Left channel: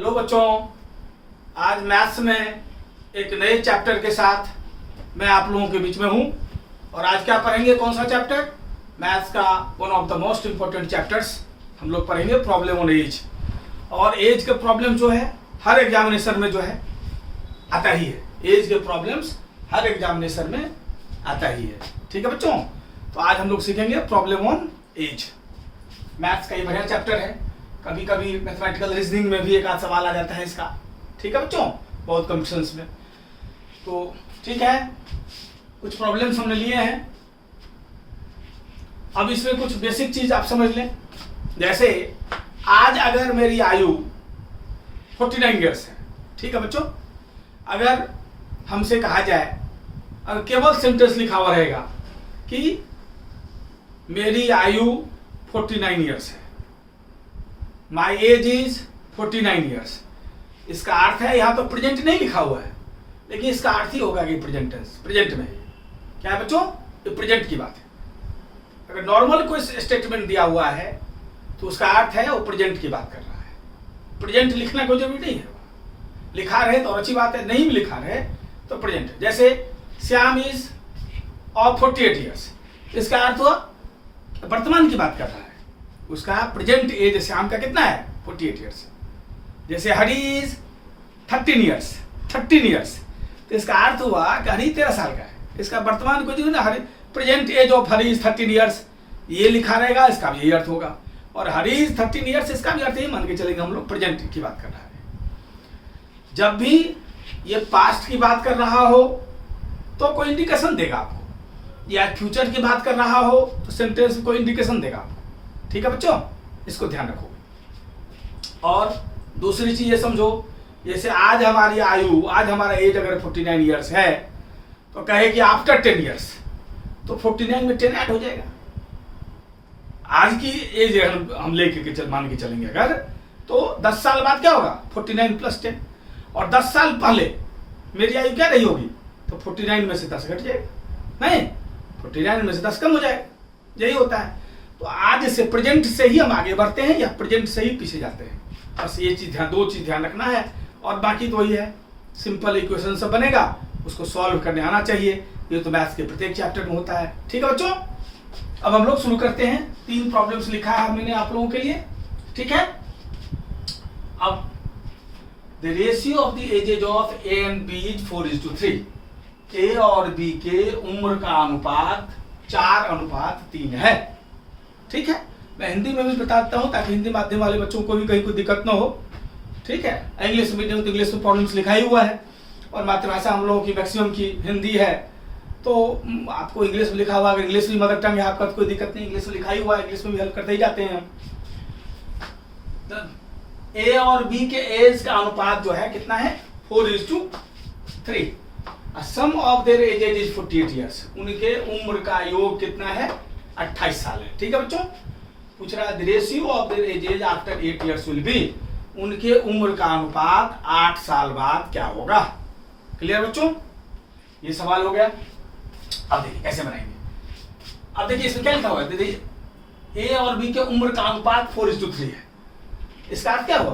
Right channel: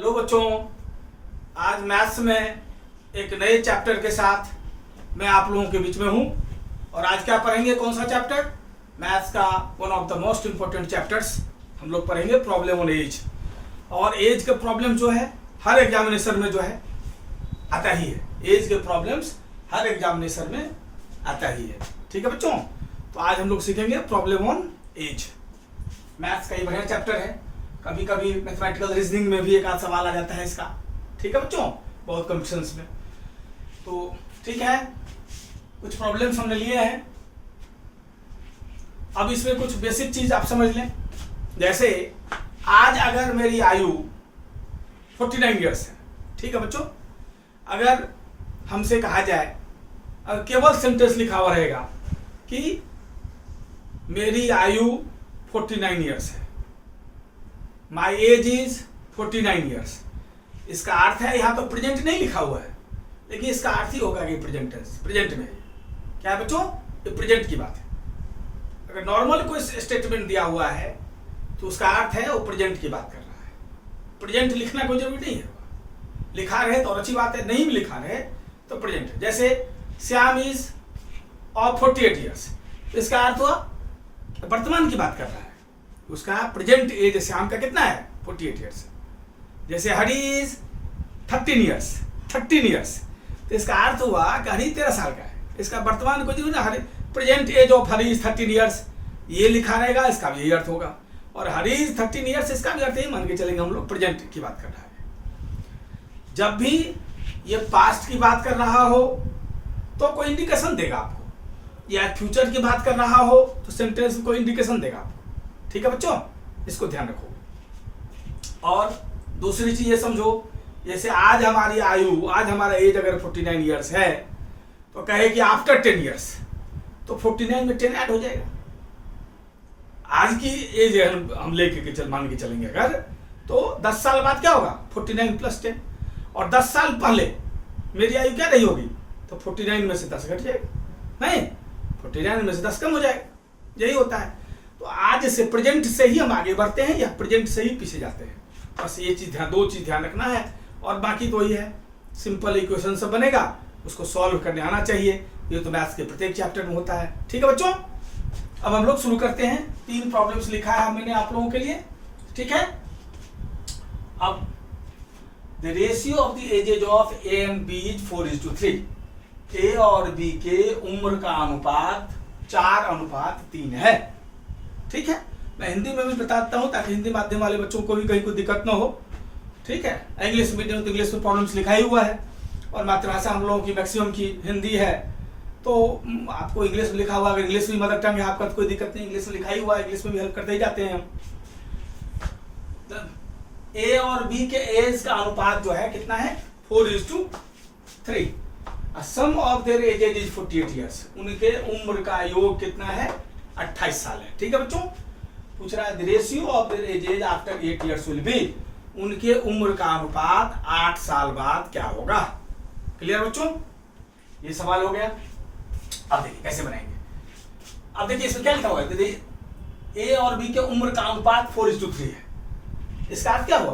Hello बच्चों, आज maths में एक नए चैप्टर के साथ मैं आप लोगों के बीच में हूं। और आज क्या पढ़ेंगे? कौन सा चैप्टर? मैथ्स का one of the most important chapters हम लोग पढ़ेंगे, प्रॉब्लम ऑन एज। और एज के प्रॉब्लम जो है हर एग्जामिनेशन में जो है आता ही है। एज के प्रॉब्लम्स हर एग्जामिनेशन में आता ही है। ठीक है बच्चों, तो आज हम लोग सीखेंगे प्रॉब्लम ऑन एज। मैथ्स का ये बढ़िया चैप्टर है। कभी कभी मैथमेटिकल रीजनिंग में भी एक आध सवाल आ जाता है इसका। ठीक है बच्चों, बहुत कॉम्पिटिशन्स में। तो ठीक है, कुछ प्रॉब्लम्स हमने लिए हैं। अब इसमें कुछ बेसिक चीज आप समझ लें। जैसे आज अगर मेरी आयु 49 ईयर्स है, ठीक है बच्चों, अगर हमसे कहा जाए और केवल सेंटेंस लिखा हुआ रहेगा कि मेरी आयु 49 ईयर्स है, माई एज इज 49 ईयर्स। इसका अर्थ है, यहाँ तो प्रेजेंट नहीं लिखा हुआ है, लेकिन इसका अर्थ ही होगा कि प्रेजेंट में क्या है बच्चों, ये प्रेजेंट की बात है। अगर नॉर्मल कोई स्टेटमेंट दिया हुआ है तो उसका अर्थ है वो प्रेजेंट की बात कर रहा है। प्रेजेंट लिखना कोई जरूरी नहीं है। लिखा रहे तो और अच्छी बात है, नहीं भी लिखा रहे तो प्रेजेंट। जैसे श्याम इज ऑफ 48 ईयर्स, इसका अर्थ हुआ वर्तमान की बात कर रहा है। उसका प्रेजेंट एज श्याम का कितना है? 48 ईयर्स। जैसे हरी इज 13 ईयर्स, तो इसका अर्थ हुआ कि हरी 13 साल का है। इसका वर्तमान को जो Hari present age of Hari is 13 years, ये लिखा रहेगा, इसका भी यही अर्थ होगा। और हरी इज 13 ईयर्स, इसका भी अर्थ यही मान के चलेंगे हम लोग, प्रेजेंट की बात कर रहा है। जब भी ये पास्ट की बात कर रहा हो तो कोई इंडिकेशन देगा आपको, या फ्यूचर की बात कर रहा हो तो सेंटेंस में कोई इंडिकेशन देगा आपको। ठीक है बच्चों, इसको ध्यान रखो। और दूसरी चीज ये समझो, जैसे आज हमारी आयु, आज हमारा एज अगर 49 ईयर्स है तो कहे कि आफ्टर 10 ईयर्स, तो 49 में 10 ऐड हो जाएगा। आज की एज हम लेके मान के चलेंगे अगर, तो 10 साल बाद क्या होगा? 49 + 10। और 10 साल पहले मेरी आयु क्या रही होगी? तो 49 में से 10 घट जाएगा, नहीं 49 में से 10 कम हो जाएगा। यही होता है। तो आज से प्रेजेंट से ही हम आगे बढ़ते हैं या प्रेजेंट से ही पीछे जाते हैं। बस ये चीज दो चीज ध्यान रखना है। और बाकी तो वही है, सिंपल इक्वेशन सब बनेगा, उसको सॉल्व करने आना चाहिए। ये तो मैथ्स के प्रत्येक चैप्टर में होता है। ठीक है बच्चों, अब हम लोग शुरू करते हैं। 3 प्रॉब्लम्स लिखा है मैंने आप लोगों के लिए। ठीक है, अब the ratio of the ages of A and B is 4:3। A और बी के उम्र का अनुपात 4:3 है। ठीक है, मैं हिंदी में भी बताता हूं ताकि हिंदी माध्यम वाले बच्चों को भी कहीं कोई दिक्कत ना हो। ठीक है, इंग्लिश मीडियम तो इंग्लिश में प्रॉब्लम्स लिखा ही हुआ है, और मातृभाषा हम लोगों की मैक्सिमम की हिंदी है, तो आपको इंग्लिश में लिखा हुआ। अगर इंग्लिश भी मदर टंग है आपका तो कोई दिक्कत नहीं, इंग्लिश में लिखा ही हुआ है, इंग्लिश में भी हेल्प करते ही जाते हैं हम। ए और बी के एज का अनुपात जो है कितना है? 4:3। Sum of their ages is 48 years. उनके उम्र का योग कितना है? 28 साल है। ठीक है बच्चों, पूछ रहा है the ratio of their edges after 8 years will be. उनके उम्र का अनुपात 8 साल बाद क्या होगा? क्लियर बच्चों, ये सवाल हो गया। अब देखिए कैसे बनाएंगे। अब देखिए इसमें क्या लिखा हुआ है? ए और बी के उम्र का अनुपात 4:3 है। इसका अर्थ क्या हुआ?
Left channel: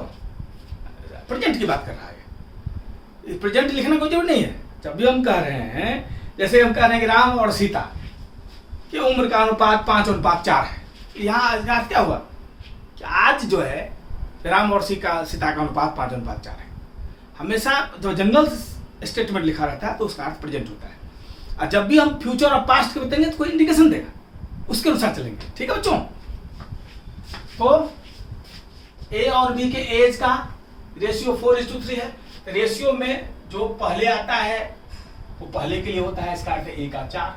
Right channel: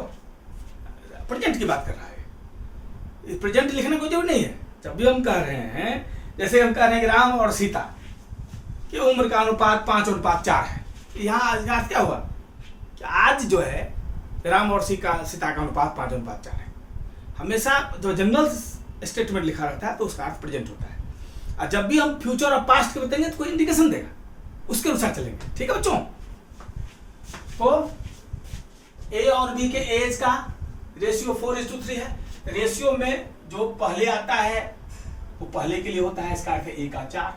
प्रेजेंट की बात कर रहा है। प्रेजेंट लिखना कोई जरूर नहीं है। जब भी हम कह रहे हैं, जैसे हम कह रहे हैं कि राम और सीता की उम्र का अनुपात 5:4 है, यहाँ अर्थ क्या हुआ कि आज जो है राम और सीता का अनुपात 5:4 है। हमेशा जो जनरल स्टेटमेंट लिखा रहता है तो उसका अर्थ प्रेजेंट होता है। और जब भी हम फ्यूचर और पास्ट के बताएंगे तो कोई इंडिकेशन देगा, उसके अनुसार चलेंगे। ठीक है बच्चों, तो ए और बी के एज का रेशियो 4:3 है। रेशियो में जो पहले आता है वो पहले के लिए होता है, इसका अर्थ है ए का 4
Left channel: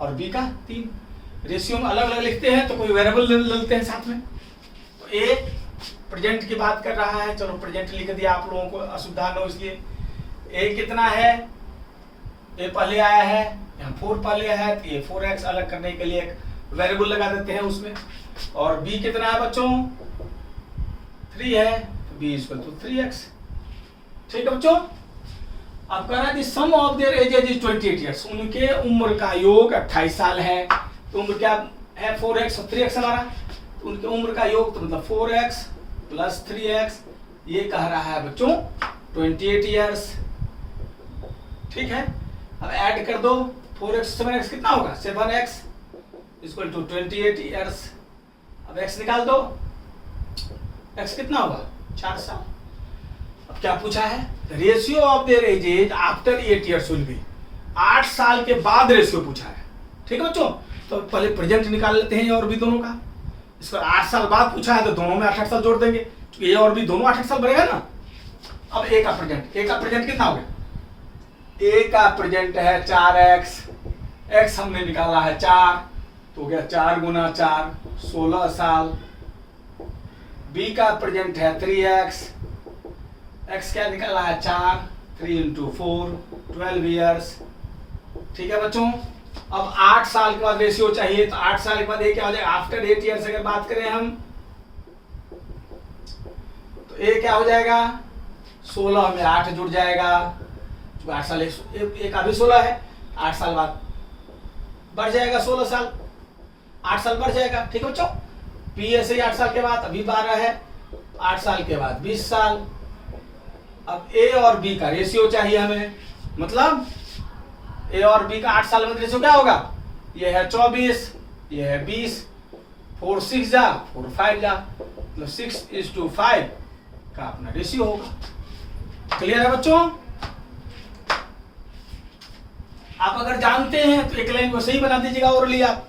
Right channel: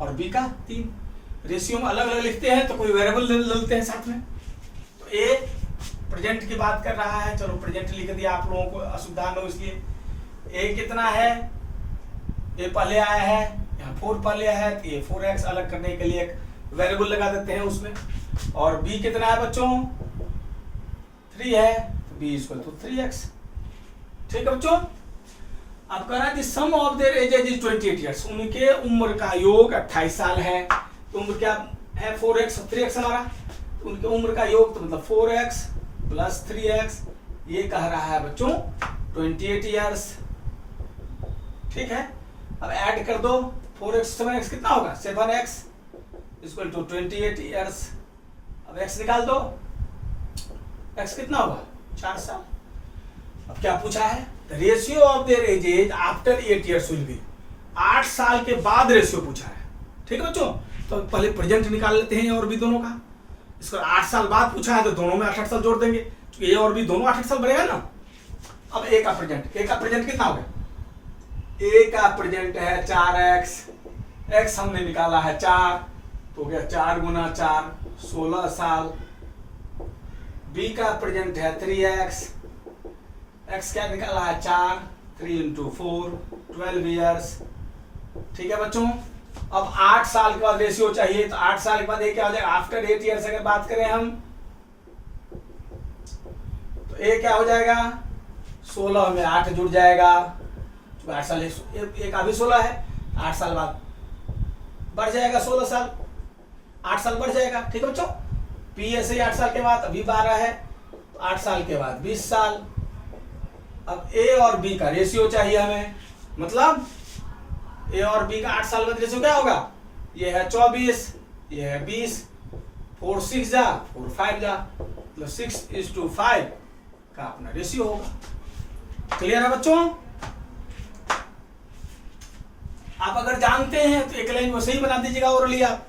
और बी का 3। रेशियो में अलग अलग लिखते हैं तो कोई वेरिएबल ले लेते हैं साथ में। तो ए प्रेजेंट की बात कर रहा है, चलो प्रेजेंट लिख दिया आप लोगों को असुविधा न हो इसलिए। ए कितना है? ए पहले आया है, यहाँ 4 पहले आया है, तो ये 4x अलग करने के लिए एक वेरिएबल लगा देते हैं उसमें। और b कितना है बच्चों? 3 है, तो b = 3x। ठीक है बच्चों, अब कह रहा है sum of their ages is 28 years. उनके उम्र का योग 28 साल है। तो उम्र क्या है? 4x और 3x हमारा। उनके उम्र का योग तो मतलब 4x + 3x ये कह रहा है बच्चों 28 ईयर्स। ठीक है, अब ऐड कर दो 4x 7x कितना होगा 7x इक्वल टू 28 ईयर्स। अब x निकाल दो, x कितना होगा 4 साल। अब क्या पूछा है, ratio of their edges after 8 years will be, 8 साल के बाद रेशियो पूछा है। ठीक है बच्चों, तो पहले प्रेजेंट निकाल लेते हैं और भी दोनों का। इसको 8 साल बाद पूछा है तो दोनों में 8 साल जोड़ देंगे, तो ये और भी दोनों 8 साल बढ़ेगा ना। अब ए का प्रेजेंट कितना हो गया, ए का प्रेजेंट है 4x, x हमने निकाला है 4, तो हो गया 4 गुना 4 16 साल। बी का प्रेजेंट है 3x, x क्या निकाला है 4, 3 into 4 12 ईयर्स। ठीक है बच्चों, अब 8 साल के बाद रेशियो चाहिए, तो 8 साल के बाद ये क्या हो जाएगा, आफ्टर 8 ईयर्स अगर बात करें हम, तो ए क्या हो जाएगा 16 में 8 जुड़ जाएगा, 8 साल एक अभी 16 है, 8 साल बाद बढ़ जाएगा 16 साल, 8 साल बढ़ जाएगा। ठीक है बच्चों, पी ऐसे ही 8 साल के बाद अभी 12 है, 8 साल के बाद 20 साल। अब ए और बी का रेशियो चाहिए हमें, मतलब ए और बी का 8 साल में रेशियो क्या होगा, ये है 24, ये है 20, 4 6 जा 4 5 जा, मतलब 6:5 का अपना रेशियो होगा। क्लियर है बच्चों, आप अगर जानते हैं तो एक लाइन को सही बना दीजिएगा ओरली, आप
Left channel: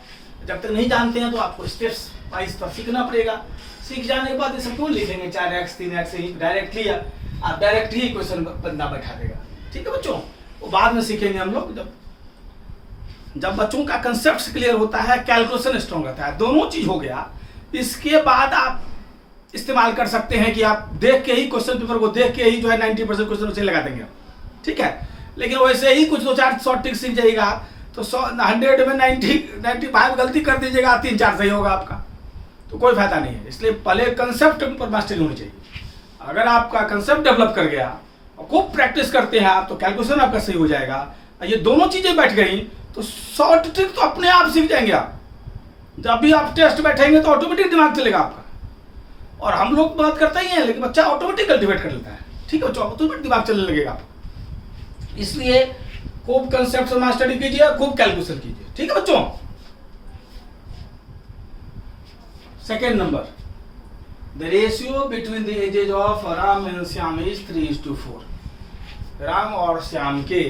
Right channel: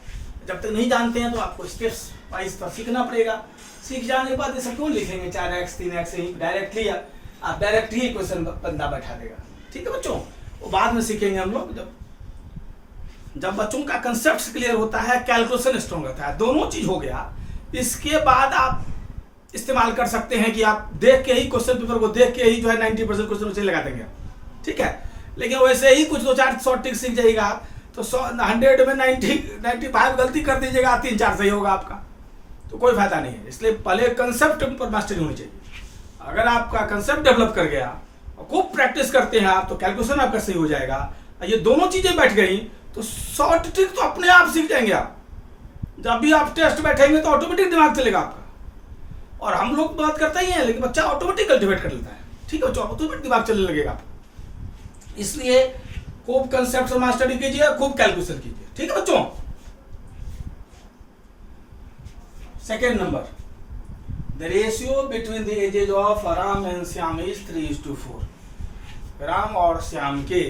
जब तक नहीं जानते हैं तो आपको स्टेप्स वाइज तो सीखना पड़ेगा। सीख जाने के बाद ये सब क्यों लिखेंगे 4x 3x ही डायरेक्टली, आप डायरेक्ट ही क्वेश्चन बंदा बैठा देगा। ठीक है बच्चों, वो बाद में सीखेंगे हम लोग, जब बच्चों का कंसेप्ट क्लियर होता है, कैलकुलेशन स्ट्रॉन्ग रहता है, दोनों चीज हो गया, इसके बाद आप इस्तेमाल कर सकते हैं कि आप देख के ही क्वेश्चन पेपर को देख के ही जो है 90% क्वेश्चन उसे लगा देंगे। ठीक है, लेकिन वैसे ही कुछ 2-4 शॉर्ट ट्रिक सीख जाइएगा आप, तो 100 में 95 गलती कर दीजिएगा, 3-4 सही होगा आपका, तो कोई फायदा नहीं है। इसलिए पहले कंसेप्ट पर मास्टरी होनी चाहिए। अगर आपका कंसेप्ट डेवलप कर गया और खूब प्रैक्टिस करते हैं आप, तो कैलकुलेशन आपका सही हो जाएगा। ये दोनों चीजें बैठ गई तो शॉर्ट ट्रिक तो अपने आप सीख जाएंगे आप। जब भी आप टेस्ट बैठेंगे तो ऑटोमेटिक दिमाग चलेगा आपका, और हम लोग बात करते ही हैं लेकिन बच्चा ऑटोमेटिक कल्टिवेट कर लेता है। ठीक है, ऑटोमेटिक दिमाग चलने लगेगा आपको। इसलिए खूब कंसेप्ट मास्टरी कीजिए, खूब कैलकुलेशन कीजिए। ठीक है बच्चों, second number, the ratio between the ages of Ram and Shyam is 3:4। Ram और श्याम के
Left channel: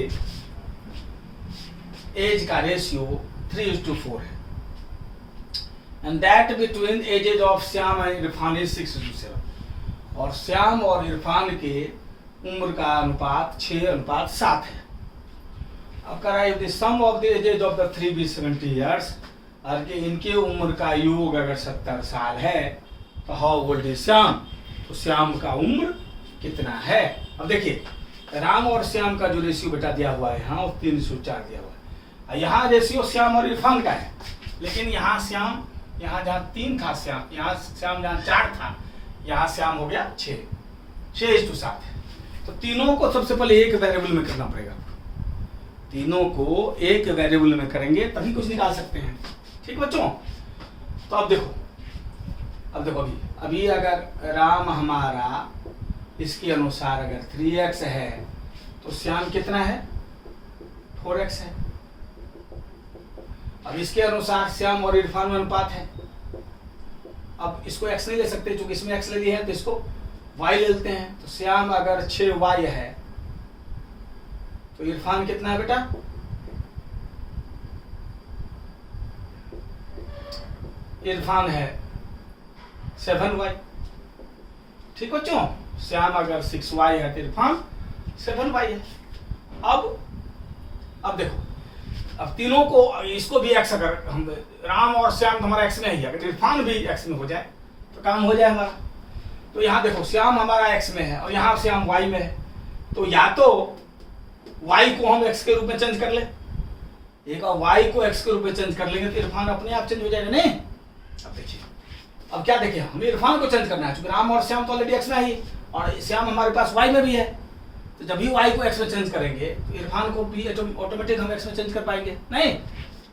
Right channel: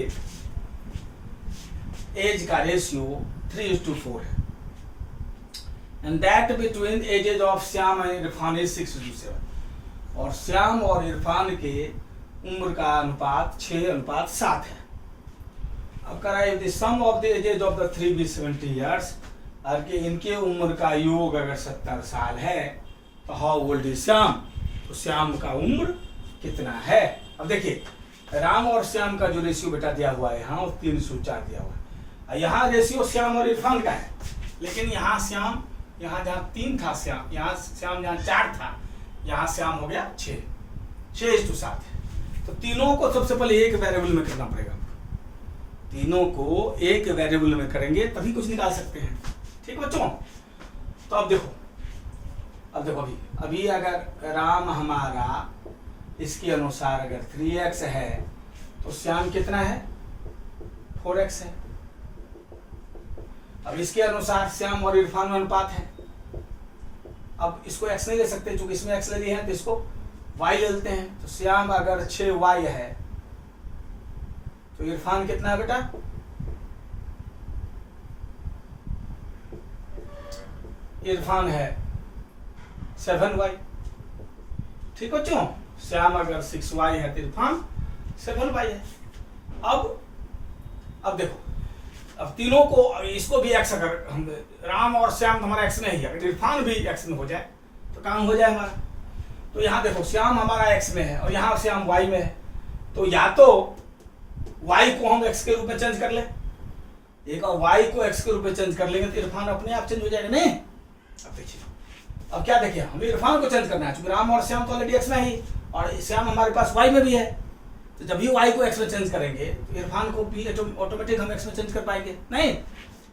एज का रेशियो 3:4 है, and that between edges of Shyam and Irfan is 6:7। और श्याम और इरफान के उम्र का अनुपात 6:7 है। अब करा if the sum of the ages of the 3 be 70 years, और कि इनके उम्र का योग अगर 70 साल है, तो हाउ ओल्ड इज श्याम, तो श्याम का उम्र कितना है। अब देखिए, राम और श्याम का जो रेशियो बेटा दिया हुआ है यहाँ, 3:4 दिया हुआ है। यहाँ रेशियो श्याम और इरफान का है, लेकिन यहाँ श्याम, यहाँ जहाँ 3 था श्याम, यहाँ श्याम जहाँ 4 था, यहाँ श्याम हो गया 6:7 है। तो तीनों को सबसे पहले एक वेरिएबल में करना पड़ेगा। तीनों को एक वेरिएबल में करेंगे तभी कुछ निकाल सकते हैं। ठीक बच्चों, तो अब देखो अभी अगर राम हमारा इसके अनुसार अगर 3x है, तो श्याम कितना है 4x है। अब इसके अनुसार श्याम और इरफान में अनुपात है। अब इसको x नहीं ले सकते, क्योंकि इसमें x ले लिए हैं, तो इसको y ले लेते हैं। तो श्याम अगर 6y है, तो इरफान कितना है बेटा, इरफान है 7y। ठीक बच्चों, श्याम अगर 6y है तो इरफान 7y है। अब देखो, अब तीनों को, इसको भी x, अगर हम राम और श्याम तो हमारा x में ही है, अगर इरफान भी x में हो जाए तो काम हो जाए हमारा। तो यहाँ देखो, श्याम हमारा x में है और यहाँ श्याम y में है, तो या तो y को हम x के रूप में चेंज कर ले, एक और y को x के रूप में चेंज कर लेंगे तो इरफान अपने आप चेंज हो जाएगा। नहीं, अब देखिए, अब क्या देखिए, हमें इरफान को चेंज करना है, क्योंकि राम और श्याम तो ऑलरेडी x में ही, और श्याम हमारे पास y में भी है। तो जब भी y को x में चेंज करेंगे तो इरफान को भी ऑटोमेटिक हम x में चेंज कर पाएंगे। नहीं,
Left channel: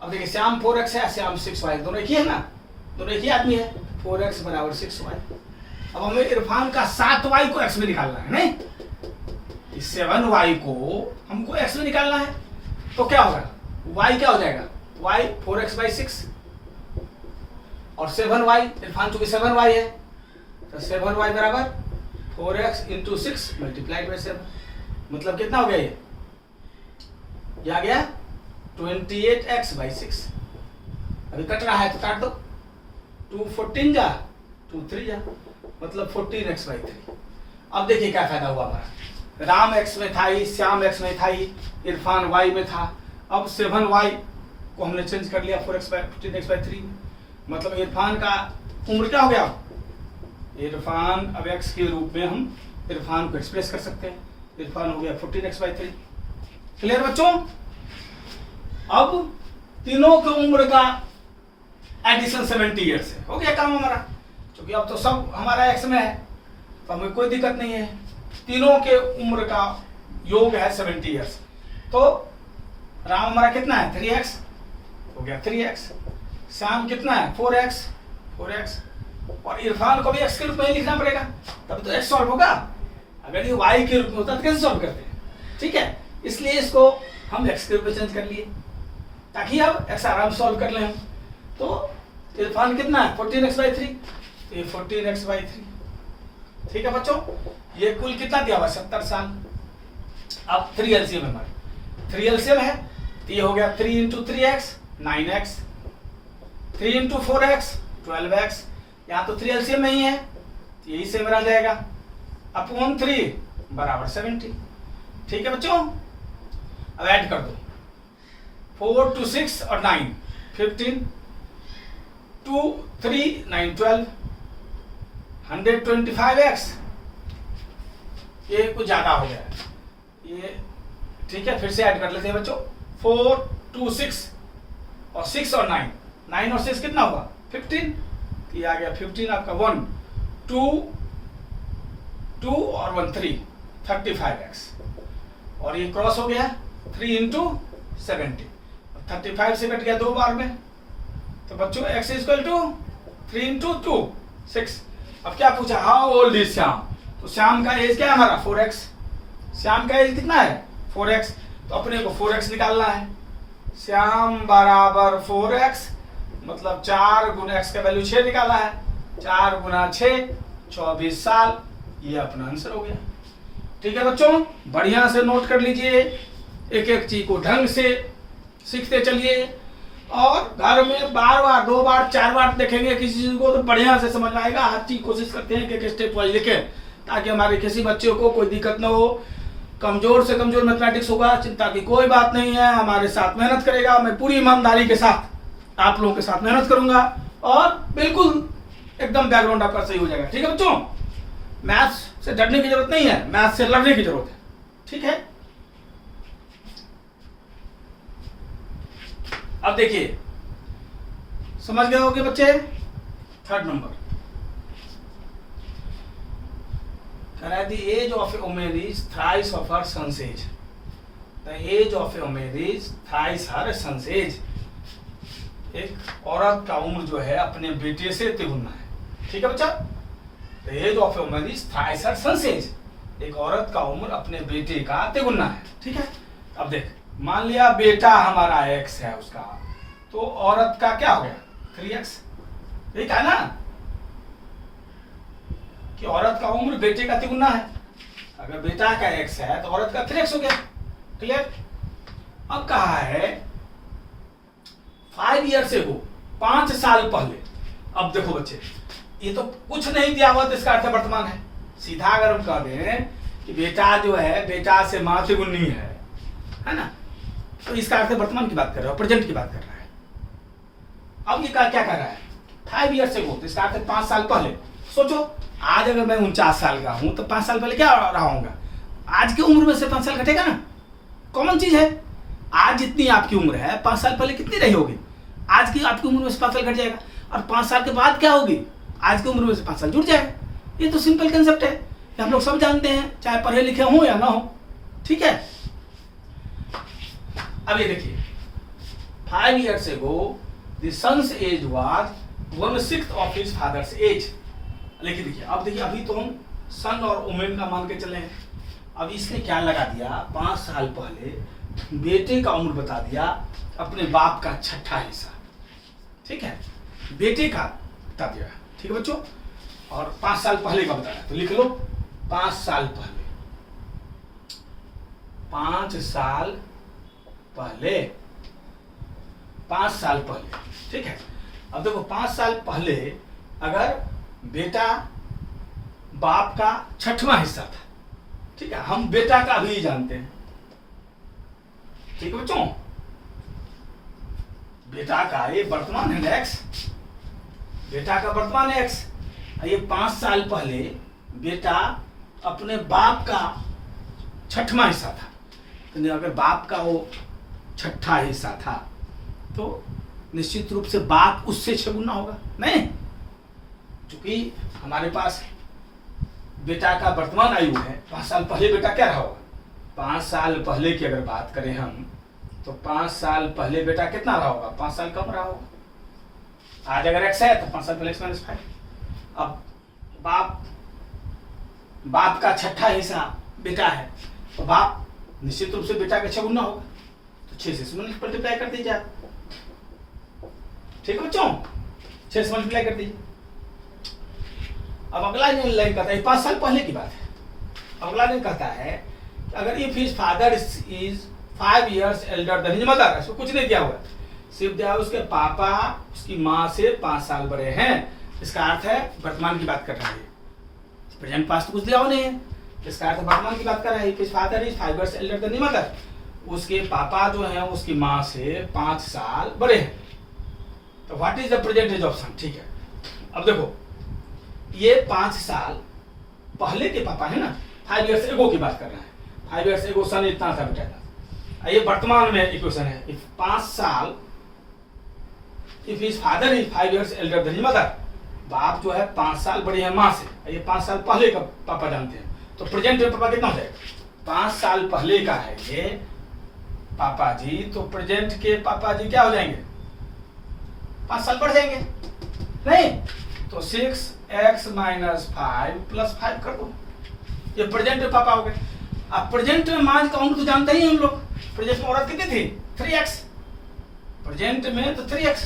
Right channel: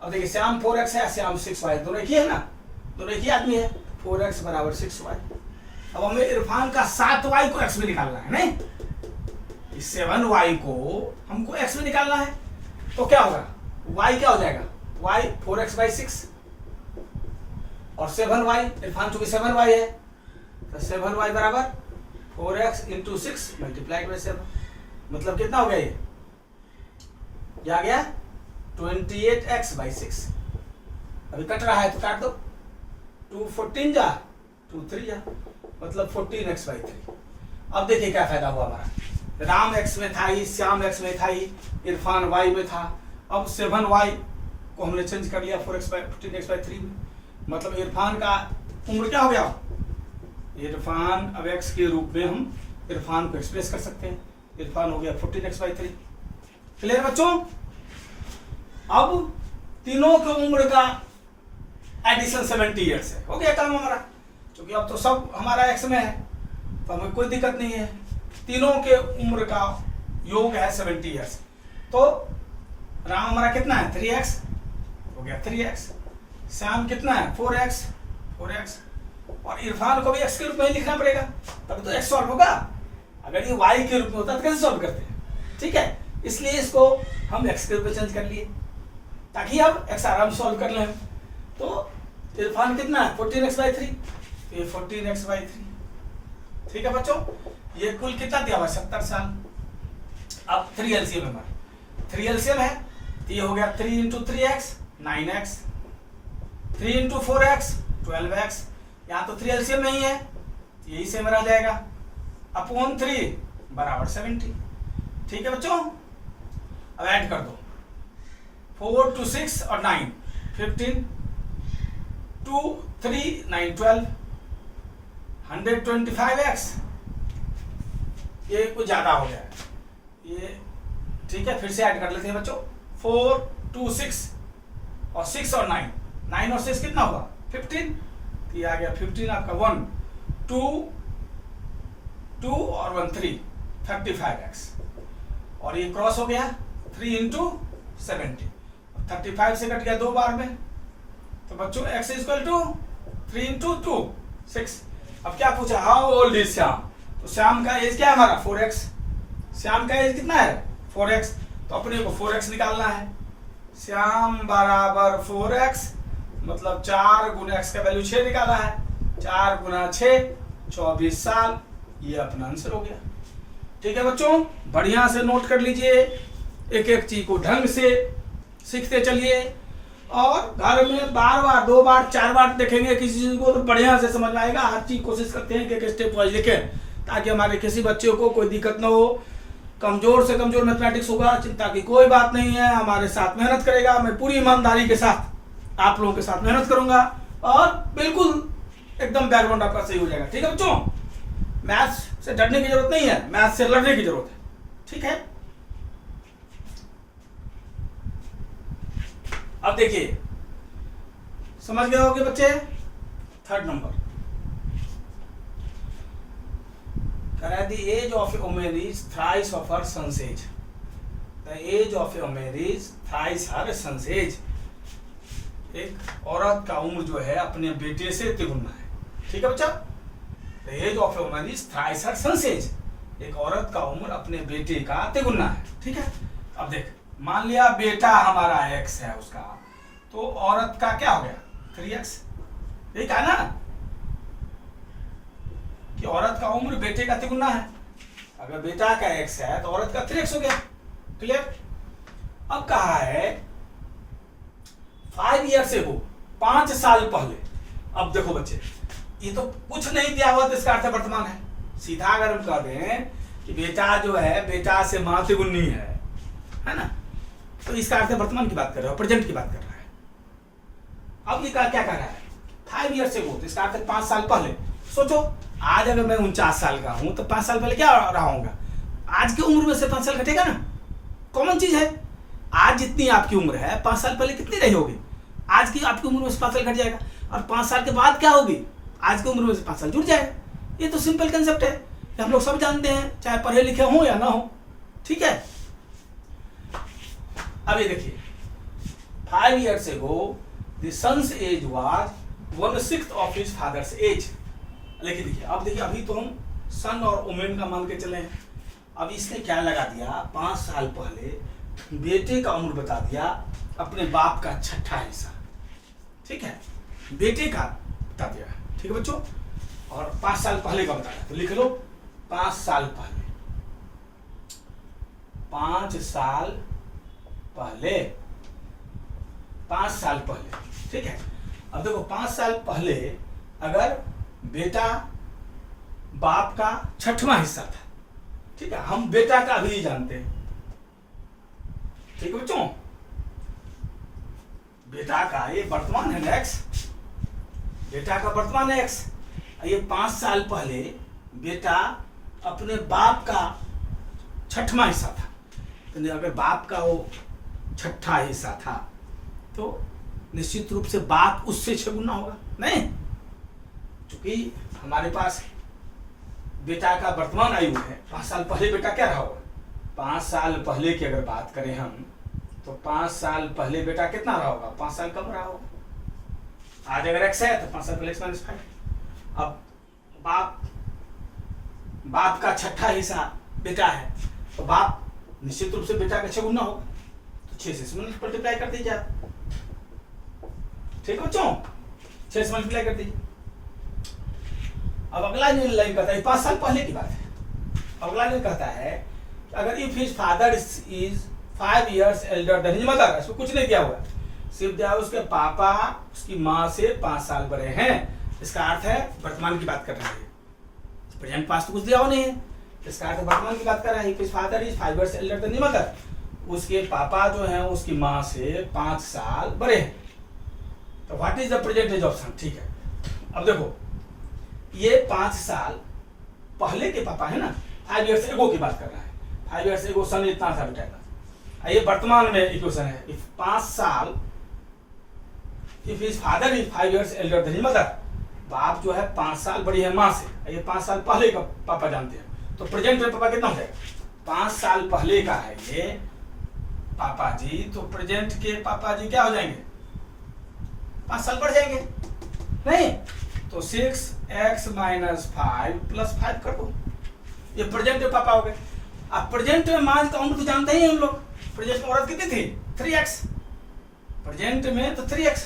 अब देखिए, श्याम 4x है, श्याम 6y, दोनों एक ही है ना, दोनों एक ही आदमी है। 4x बराबर 6y, अब हमें इरफान का 7y को x में निकालना है, नहीं? इस 7y को हमको x में निकालना है, तो क्या होगा? y क्या हो जाएगा? y 4x/6 और 7y, इरफान चूंकि 7y है तो 7y बराबर 4x × 6 × 7, मतलब कितना हो गया ये? आ गया 28x/6। अभी कट रहा है तो काट दो, 2 14 जा, 2 3 जा, मतलब 14x/3। अब देखिए क्या फायदा हुआ हमारा, राम x में था ही, श्याम x में था ही, इरफान y में था। अब 7y को हमने चेंज कर लिया 14x/3 में, मतलब इरफान का उम्र क्या हो गया? इरफान अब x के रूप में हम इरफान को एक्सप्रेस कर सकते हैं, इरफान हो गया 14x/3। क्लियर बच्चों? अब तीनों की उम्र का एडिशन 70 ईयर्स है, हो गया काम हमारा। क्योंकि अब तो सब हमारा x में है तो हमें कोई दिक्कत नहीं है, तीनों के उम्र का योग है 70 ईयर्स। तो राम हमारा कितना है? 3x, हो गया 3x। श्याम कितना है? 4x, और इरफान को भी x के रूप में लिखना पड़ेगा, तब तो x सॉल्व होगा। अगर ये y के रूप में होता तो कैसे सॉल्व करते हैं? ठीक है, इसलिए इसको हम x के रूप में चेंज कर लिए ताकि अब x आराम सॉल्व कर लें। तो इरफान कितना है? 14x/3, ये 14x/3। ठीक है बच्चों, ये कुल कितना दिया हुआ? 70 साल। अब 3 LCM है हमारा, 3 LCM है तो ये हो गया 3 × 3x 9x, 3 × 4x 12x। यहाँ तो 3 LCM में ही है तो यही सेम रह जाएगा, अपॉन 3 बराबर 70। ठीक है बच्चों, अब ऐड कर दो, 4 2 6 और 9 15, 2 3 9 12, 125x। ये कुछ ज्यादा हो गया है ये, ठीक है, फिर से ऐड कर लेते हैं बच्चों, 4 2 6 और 6 और 9, 9 और 6 कितना हुआ? 15, ये आ गया 15 आपका, 1 2 2 और 1 3, 35x। और ये क्रॉस हो गया 3 × 70, 35 से कट गया 2 बार में, तो बच्चों x = 3 × 2 6। अब क्या पूछा? How old is Shyam? तो श्याम का एज क्या है हमारा? 4x। श्याम का एज कितना है? 4x, तो अपने को 4x निकालना है। श्याम बराबर 4x, मतलब 4 × x का वैल्यू 6 निकाला है, 4 × 6 24 साल, ये अपना आंसर हो गया। ठीक है बच्चों, बढ़िया से नोट कर लीजिए, एक एक चीज को ढंग से सीखते चलिए, और घर में बार बार 2 बार 4 बार देखेंगे किसी चीज को तो बढ़िया से समझ में आएगा। हर चीज कोशिश करते हैं कि एक स्टेप वाइज लिखें ताकि हमारे किसी बच्चे को कोई दिक्कत ना हो। कमजोर से कमजोर मैथमेटिक्स होगा, चिंता की कोई बात नहीं है, हमारे साथ मेहनत करेगा। मैं पूरी ईमानदारी के साथ आप लोगों के साथ मेहनत करूंगा और बिल्कुल एकदम बैकग्राउंड आपका सही हो जाएगा। ठीक है बच्चों, मैथ्स से डरने की जरूरत नहीं है, मैथ्स से लड़ने की जरूरत है। ठीक है, अब देखिए, समझ गए होंगे बच्चे। 3rd नंबर कह रहा है, the age of a woman is thrice of her son's age. The age of a woman is thrice her son's age. एक औरत का उम्र जो है अपने बेटे से तिगुना है। ठीक है बच्चा, The age of a woman is thrice her son's age. एक औरत का उम्र अपने बेटे का तिगुना है। ठीक है, अब देख, मान लिया बेटा हमारा x है उसका, तो औरत का क्या हो गया? 3x। यही कहा ना कि औरत का उम्र बेटे का तिगुना है। अगर बेटा का x है तो औरत का 3x हो गया। क्लियर? अब कहा है 5 ईयर से हो, 5 साल पहले। अब देखो बच्चे, ये तो कुछ नहीं दिया हुआ तो इसका अर्थ वर्तमान है। सीधा अगर हम कह दें कि बेटा जो है बेटा से मां तिगुनी है ना, तो इसका अर्थ वर्तमान की बात कर रहा है, प्रेजेंट की बात कर रहा है। अब ये क्या कर रहा है? 5 ईयर से हो, तो इसका अर्थ 5 साल पहले। सोचो, आज अगर मैं 49 साल का हूं तो 5 साल पहले क्या रहा होगा? आज की उम्र में से 5 साल घटेगा ना, कॉमन चीज है। आज जितनी आपकी उम्र है 5 साल पहले कितनी रही होगी? आज की आपकी उम्र में से 5 साल घट जाएगा, और 5 साल के बाद क्या होगी? आज की उम्र में से 5 साल जुड़ जाएगा। ये तो सिंपल कंसेप्ट है, हम लोग सब जानते हैं, चाहे पढ़े लिखे हो या ना हो। ठीक है, अब ये देखिए, 5 years ago the son's age was 1/6 of his father's age. लेकिन देखिए अब देखिए, अभी तो हम सन और वुमेन का मान के चले हैं। अब इसने क्या लगा दिया, 5 साल पहले बेटे का उम्र बता दिया, अपने बाप का छठा हिस्सा, ठीक है, बेटे का बता दिया, ठीक है बच्चों, और 5 साल पहले का बताया, तो लिख लो 5 साल पहले, 5 साल पहले, 5 साल पहले, ठीक है। अब देखो 5 साल पहले अगर बेटा बाप का छठवां हिस्सा था, ठीक है, हम बेटा का भी जानते हैं, ठीक है बच्चों, बेटा का ये वर्तमान है एक्स, बेटा का वर्तमान है एक्स, ये 5 साल पहले बेटा अपने बाप का छठवां हिस्सा था, तो अगर बाप का वो छठा हिस्सा था तो निश्चित रूप से बाप उससे 6 गुना होगा, नहीं, क्योंकि हमारे पास बेटा का वर्तमान आयु है, 5 साल पहले बेटा क्या रहा होगा, 5 साल पहले की अगर बात करें हम, तो 5 साल पहले बेटा कितना रहा होगा, 5 साल कम रहा होगा। आज अगर एक्स है तो 5 साल पहले एक्स माइनस 5। अब बाप का छठा हिस्सा बेटा है, तो बाप निश्चित रूप से बेटा का 6 गुना होगा, तो 6 से मल्टीप्लाई कर दीजिए आप, ठीक है बच्चों, 6 से मल्टीप्लाई कर दीजिए। अब अगला जो लाइन कहता है 5 साल पहले की बात है, अगला जो कहता है अगर if his father is 5 years elder than his mother, इसको कुछ नहीं दिया हुआ, सिर्फ दिया उसके पापा उसकी माँ से 5 साल बड़े हैं, इसका अर्थ है वर्तमान की बात कर रहा है, प्रेजेंट पास्ट तो कुछ दिया हुआ नहीं है, इसका अर्थ वर्तमान की बात कर रहा है। His father is 5 years elder than his mother, उसके पापा जो हैं उसकी माँ से 5 साल बड़े हैं, तो what is the present age of son, ठीक है। अब देखो ये 5 साल पहले के पापा है ना, 5 years एगो की बात कर रहा है, 5 years एगो सन इतना था बेटा था, ये वर्तमान में इक्वेशन है, इफ 5 साल if his father is 5 years elder than his mother, बाप जो है 5 साल बड़ी है माँ से, ये 5 साल पहले का पापा जानते हैं, तो प्रेजेंट में पापा कितना हो जाएगा, 5 साल पहले का है ये पापा जी, तो प्रेजेंट के पापा जी क्या हो जाएंगे, 5 साल बढ़ जाएंगे, नहीं, तो 6x माइनस 5 प्लस 5 कर दो, ये प्रेजेंट में पापा हो गए। अब प्रेजेंट में माँ का उम्र तो जानते ही हम लोग, प्रेजेंट में औरत कितनी थी, 3x, प्रेजेंट में तो 3x,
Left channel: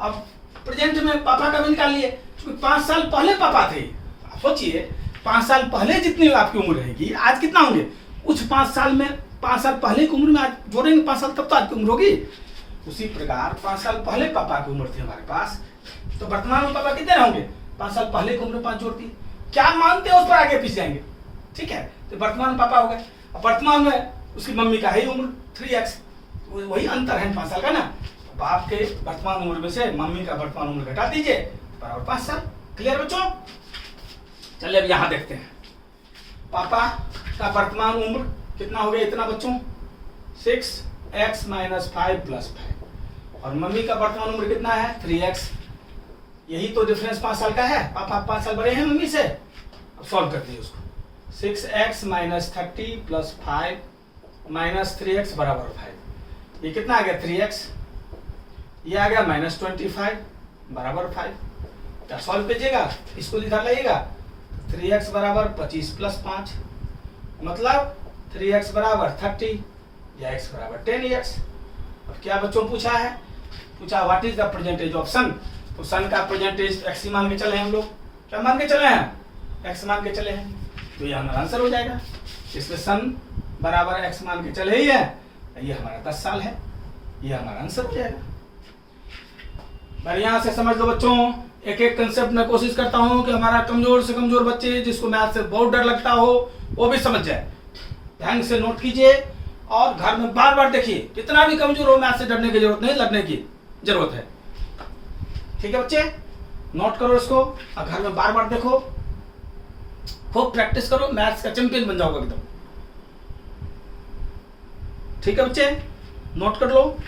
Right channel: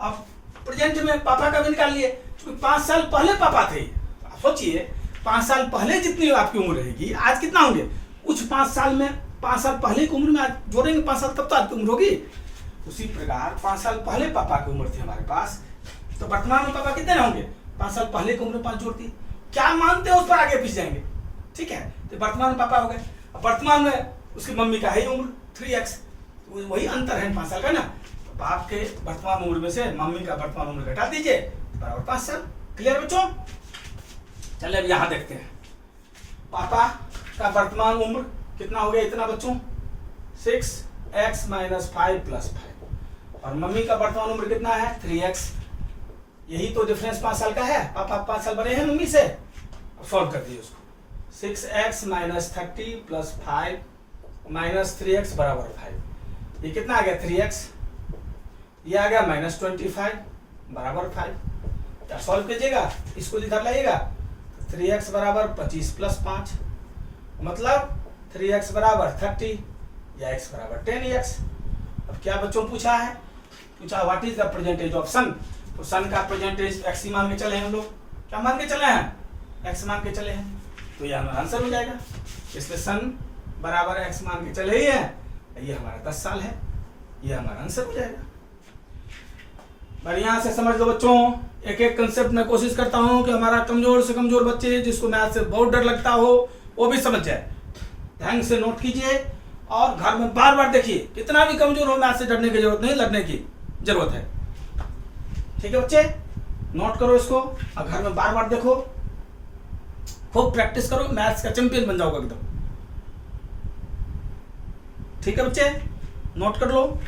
अब प्रेजेंट में पापा का भी निकाल लिए, क्योंकि 5 साल पहले पापा थे, आप सोचिए 5 साल पहले जितनी आपकी उम्र रहेगी, आज कितना होंगे, कुछ 5 साल में 5 साल पहले की उम्र में आज जोड़ेंगे 5 साल, तब तो आज की उम्र होगी। उसी प्रकार 5 साल पहले पापा की उम्र थी हमारे पास, तो वर्तमान में पापा कितने होंगे, 5 साल पहले की उम्र 5 जोड़ दी, क्या मानते हैं उस पर आगे पीछे जाएंगे, ठीक है, तो वर्तमान में पापा हो गए। वर्तमान में उसकी मम्मी का ही उम्र 3x, वही अंतर है 5 साल का ना, तो बाप के वर्तमान उम्र में से मम्मी का वर्तमान उम्र घटा दीजिए, बराबर 5 साल। क्लियर बच्चों, चलिए अब यहाँ देखते हैं, पापा का वर्तमान उम्र कितना हो गया, इतना बच्चों 6x माइनस 5 प्लस 5, और मम्मी का वर्तमान उम्र कितना है 3x, यही तो डिफरेंस 5 साल का है, पापा 5 साल बड़े हैं मम्मी से। अब सॉल्व कर दीजिए उसको, 6x minus 30 plus 5 minus 3x बराबर 5, ये कितना आ गया 3x, ये आ गया माइनस 25 बराबर 5, क्या सॉल्व कीजिएगा, इसको इधर लाइएगा, 3x बराबर 25 प्लस 5, मतलब 3x बराबर 30 या x बराबर 10x। अब क्या बच्चों पूछा है, पूछा what is the percentage of son, तो सन का परसेंटेज x मान के चले हैं हम लोग, क्या मान के चले हैं, x मान के चले हैं, तो ये हमारा आंसर हो जाएगा, इसमें सन बराबर x मान के चले ही है, ये हमारा 10 साल है, ये हमारा आंसर हो जाएगा। बढ़िया से समझ लो बच्चों, एक एक कंसेप्ट में कोशिश करता हूं कि हमारा कमजोर से कमजोर बच्चे जिसको मैथ से बहुत डर लगता हो वो भी समझ जाए, ध्यान से नोट कीजिए और घर में बार बार देखिए, जितना भी कमजोर हो मैथ से डरने की जरूरत नहीं, लगने की जरूरत है, ठीक है बच्चे, नोट करो इसको और घर में बार बार देखो, खूब प्रैक्टिस करो, मैथ्स का चैंपियन बन जाओगे एकदम, ठीक है बच्चे, नोट कर लो।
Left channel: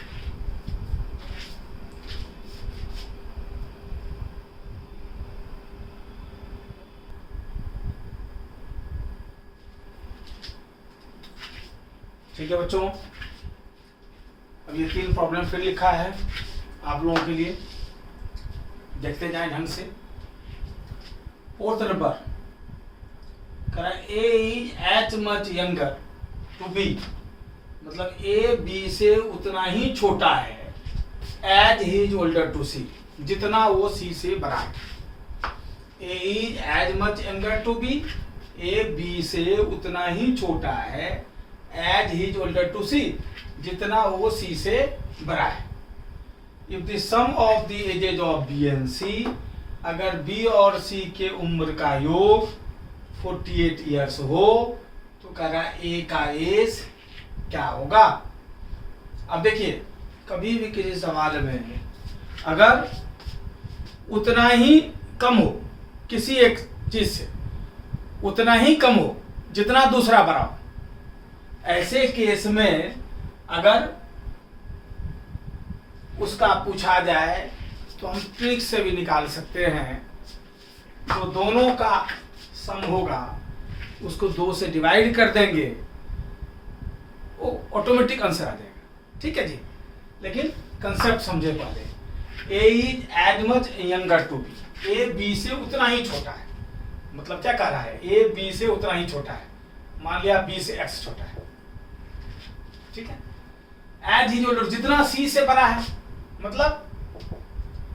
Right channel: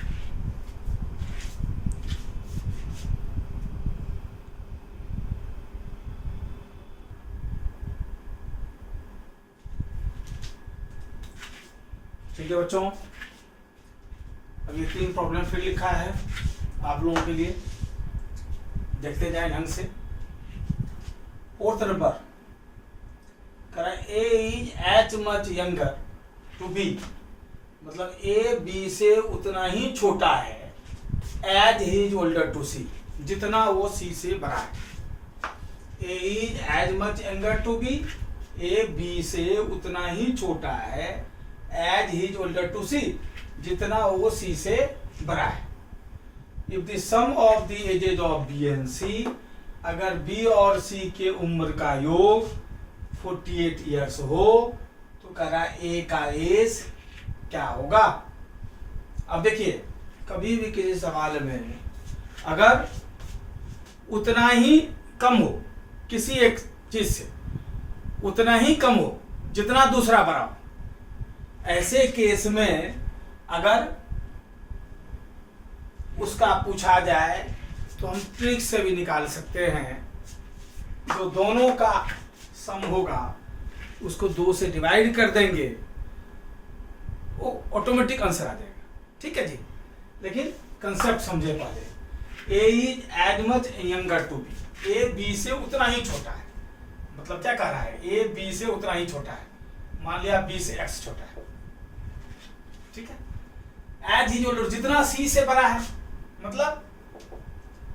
ठीक है बच्चों, अब ये 3 प्रॉब्लम फिर लिखा है आप लोगों के लिए, देखते जाएं ढंग से। फोर्थ नंबर करा A is as much younger to B, मतलब ए बी से उतना ही छोटा है, as he is older to C, जितना वो सी से बड़ा है। A is as much younger to B, A B से उतना ही छोटा है, as he is older to C, जितना वो सी से बड़ा है। If the sum of the ages of B and C, अगर बी और सी के उम्र का योग 48 ईयर्स हो तो कह रहा ए का एज क्या होगा। अब देखिए, कभी भी किसी सवाल में अगर उतना ही कम हो, किसी एक चीज से उतना ही कम हो जितना दूसरा बड़ा हो, ऐसे केस में अगर उसका पूछा जाए तो हम ट्रिक से भी निकाल सकते हैं। जो दोनों का सम होगा उसको 2 से डिवाइड कर देंगे, वो ऑटोमेटिक आंसर आ जाएगा। ठीक है जी, लेकिन कंसेप्ट समझे पहले। A is as much younger to B, A B से उतना ही छोटा है, मतलब क्या कह रहा है, ए बी से उतना ही छोटा है। मान लिया बी से एक्स छोटा है, ठीक है। एज ही ओल्डर, जितना सी से बड़ा है, मतलब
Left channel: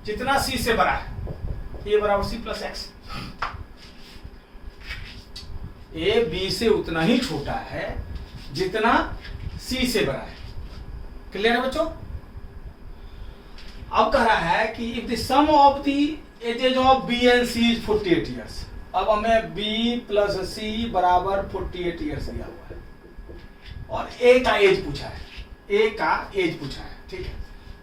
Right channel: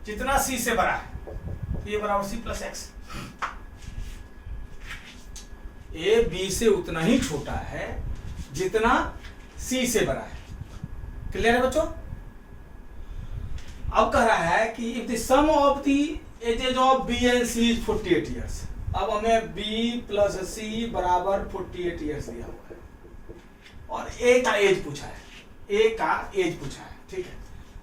जितना सी से बड़ा है, ए बराबर C plus X. A B से उतना ही छोटा है जितना सी से बड़ा है। क्लियर है बच्चों। अब कह रहा है कि if the sum of the ages of B and C is 48 years. अब हमें बी प्लस सी बराबर 48 ईयर्स दिया हुआ है और ए का एज पूछा है, ए का एज पूछा है, ठीक है।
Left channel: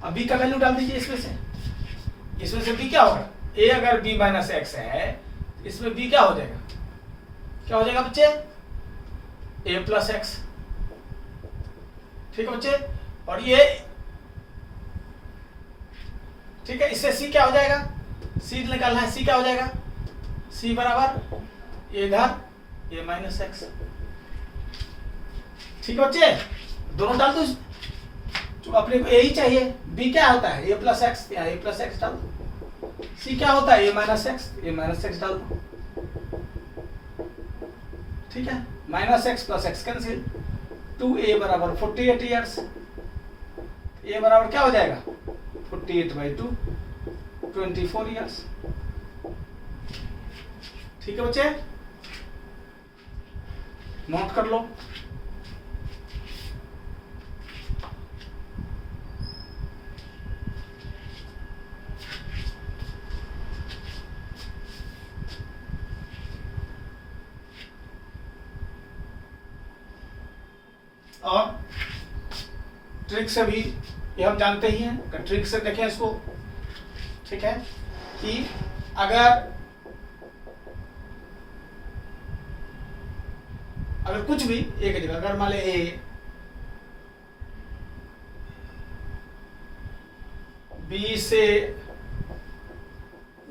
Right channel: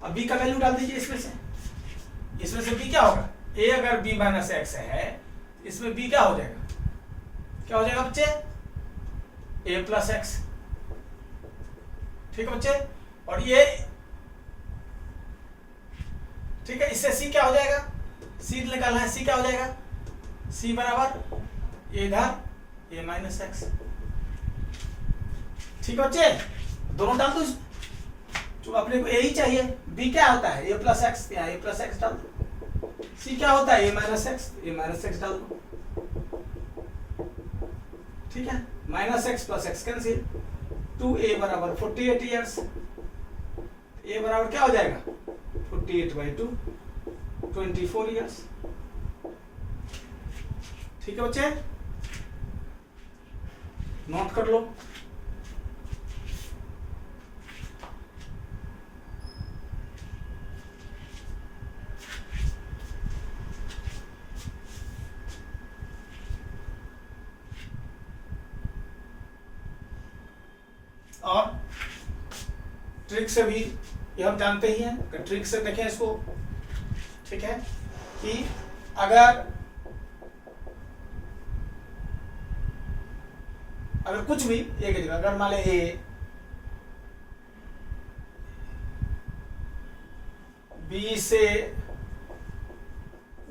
अब बी का वैल्यू डाल दीजिए इसमें से बी क्या होगा, ए अगर बी माइनस एक्स है, इसमें बी क्या हो जाएगा, क्या हो जाएगा बच्चे, ए प्लस एक्स। ठीक है बच्चे, और ये ठीक है, इससे सी क्या हो जाएगा, सी निकालना है, सी क्या हो जाएगा, सी बराबर ए इधर ए माइनस एक्स। ठीक है बच्चे, दोनों डाल दो, तो अपने को ए ही चाहिए, बी क्या होता है, ए प्लस एक्स, यहाँ ए प्लस एक्स डाल दो। सी क्या होता है, ए माइनस एक्स डाल दो। ठीक है, minus x plus x cancel, 2a बराबर 48 ईयर्स। ए बराबर क्या हो जाएगा, 48/2 24 ईयर्स। ठीक है बच्चे, नोट कर लो। और ट्रिक से भी ये हम जानते ही हैं, ट्रिक से देखें इसको, ठीक है, कि अगर कुछ भी एक जगह, अगर मान ले ए बी से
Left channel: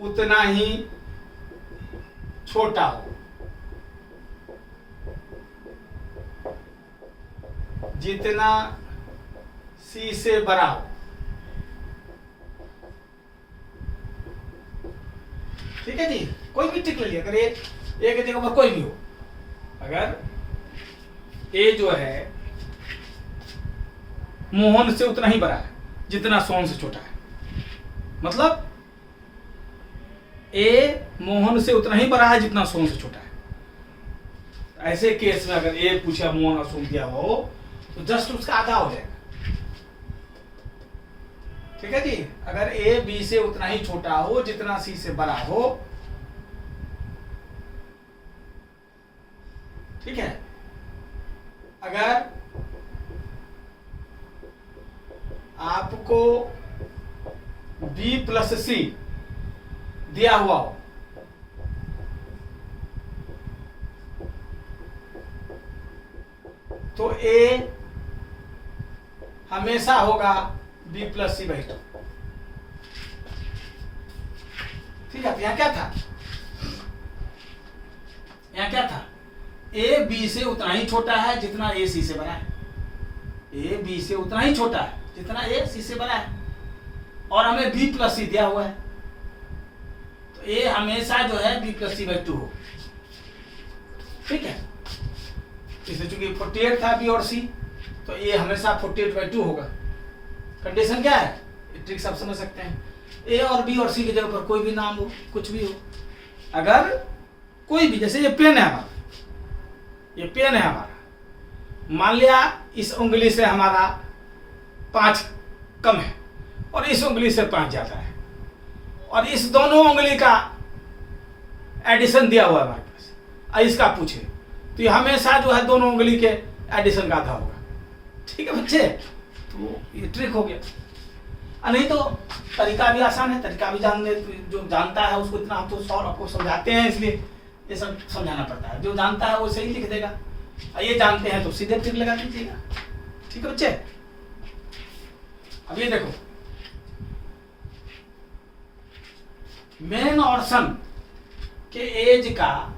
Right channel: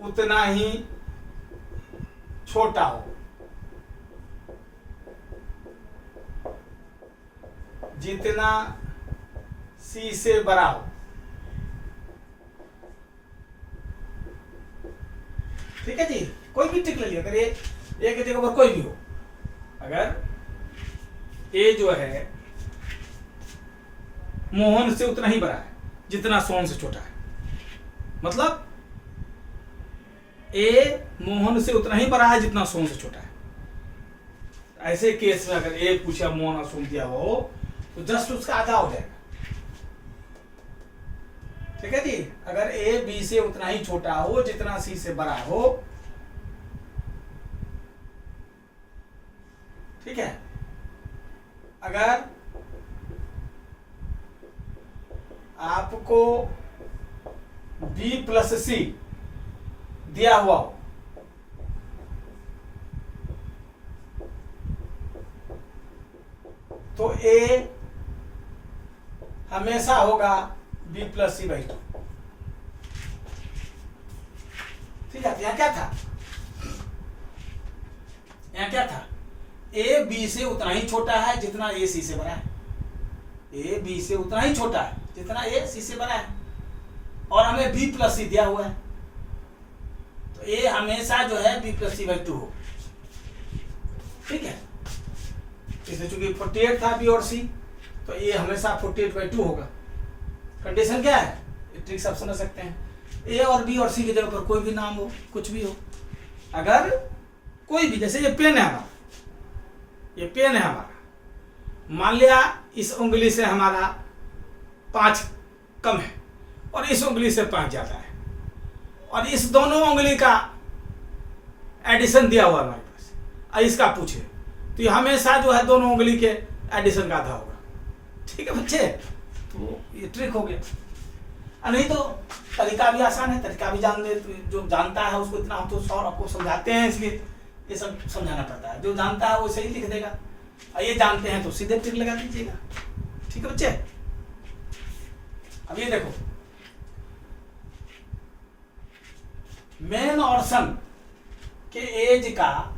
उतना ही छोटा हो जितना सी से बड़ा हो, ठीक है जी, कोई भी टिक ले लिया, अगर ए के जगह पर कोई भी हो, अगर ए जो है मोहन से उतना ही बड़ा है जितना सोन से छोटा है, मतलब ए मोहन से उतना ही बड़ा है जितना सोन से छोटा है। ऐसे केस में अगर ए पूछा मोहन और सोन दिया हो तो जस्ट उसका आधा हो जाएगा। ठीक है जी, अगर ए बी से उतना ही छोटा हो जितना सी से बड़ा हो, ठीक है, अगर आपको बी प्लस सी दिया हुआ हो तो ए हमेशा होगा बी प्लस सी बाई 2। ठीक है, यहां क्या था, ए बी से उतना ही छोटा है जितना ए सी से बड़ा है, ए बी से उतना ही छोटा है जितना ए सी से बड़ा है, और हमें बी प्लस सी दिया हुआ है, तो ए हमेशा जो है बी प्लस सी बाई 2 हो, ठीक है। इसलिए चूंकि 48 था बी और सी, तो ए हमेशा 48/2 होगा। कंडीशन क्या है, ये ट्रिक्स आप समझ सकते हैं। ए और बी और सी की जगह पर कोई भी नाम हो, कुछ भी हो, अगर कोई भी, जैसे ये पेन है हमारा, ये पेन है हमारा, मान लिया इस उंगली से हमारा 5 कम है और इस उंगली से 5 ज्यादा है, और इस दोनों उंगली का एडिशन दिया हुआ है हमारे पास, और इसका पूछे, तो ये हमेशा जो है दोनों उंगली के एडिशन का आधा होगा, ठीक है बच्चे। तो ये ट्रिक हो गया। नहीं तो तरीका भी आसान है, तरीका भी जान ले, जो जानता है उसको, इतना हम तो सॉल्व आपको समझाते हैं, इसलिए ये सब समझाना पड़ता है। जो जानता है वो सही लिख देगा, और ये जानते हैं तो सीधे ट्रिक लगा दीजिएगा, ठीक है बच्चे। अब ये देखो, मेन और सन के एज का